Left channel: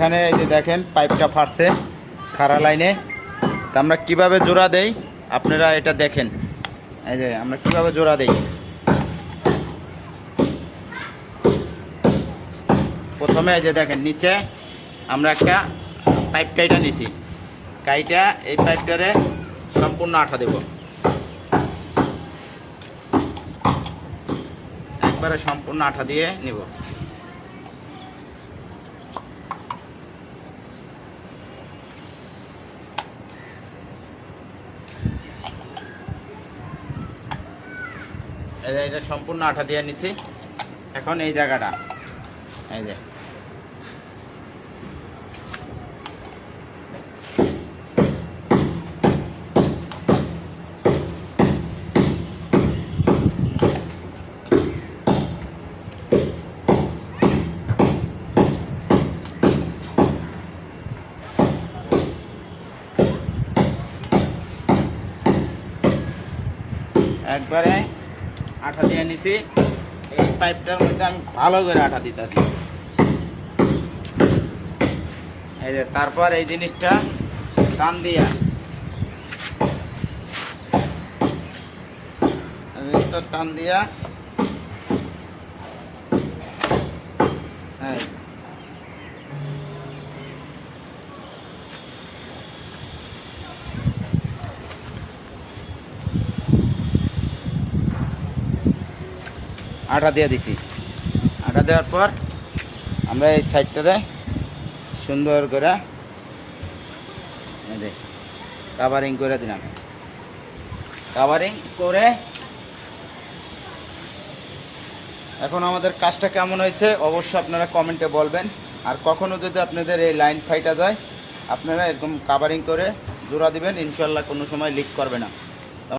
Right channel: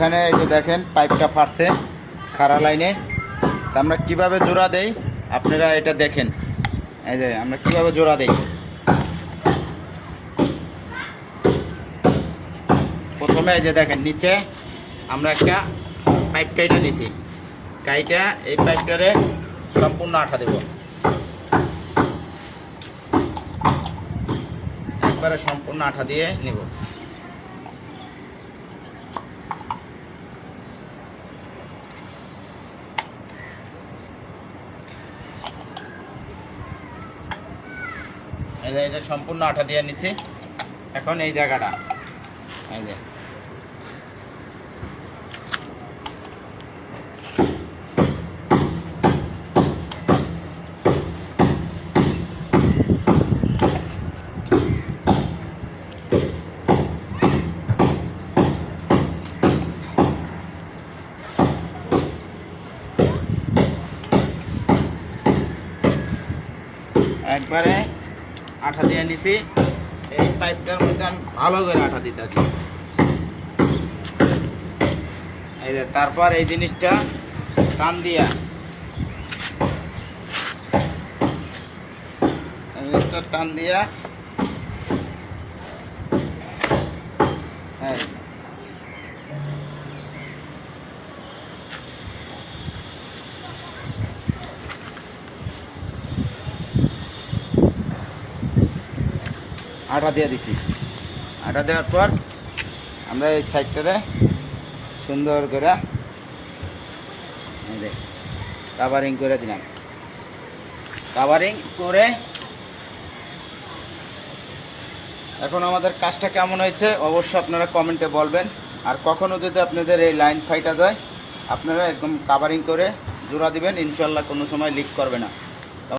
এখানে এই যে দেখেন পাইপটা ফাটছে খাড়া লাইনে। তা আমরা কীভাবে জোড়া দেই? আপনারা এটা দেখেন। এই যে আমরা কীভাবে জোড়া দেই? প্রথমে এই যে দেখেন, নিচে আমরা একটা পাইপ কাইটা নিছি। কাইটা এই পাইপটারে সম্পূর্ণ আঠা দেব। একবারে সম্পূর্ণ আঠা দিয়ে নিব। এটা সম্পূর্ণ আঠা দিয়ে নিচ্ছি। এখন এই জায়গাটা। এই যে। একবারে আঠা দিয়ে নিছি। এই পাইপটার মধ্যে আমি ভালো করে আঠা দিতেছি। এই যে, তারপর এই জিনিসটা টান দিয়া। টান দিয়া। আটা দিয়ে দিছি। আটা দেওয়ার পর আমরা এই সাইডটাতে সুন্দর করে কাভারিং করে দিলাম। কাভারিং করে এখন আমাদের কাজটা কেমন হয়েছে অবশ্যই আপনারা কমেন্টে বলবেন। আর কখনো যদি আপনাদের এই লাইন ফাইটা দেয় আপনারা একদম কাভারিং করে জোড়া দিবেন ইনশাল্লাহ কোনো সময় লিক করবে না।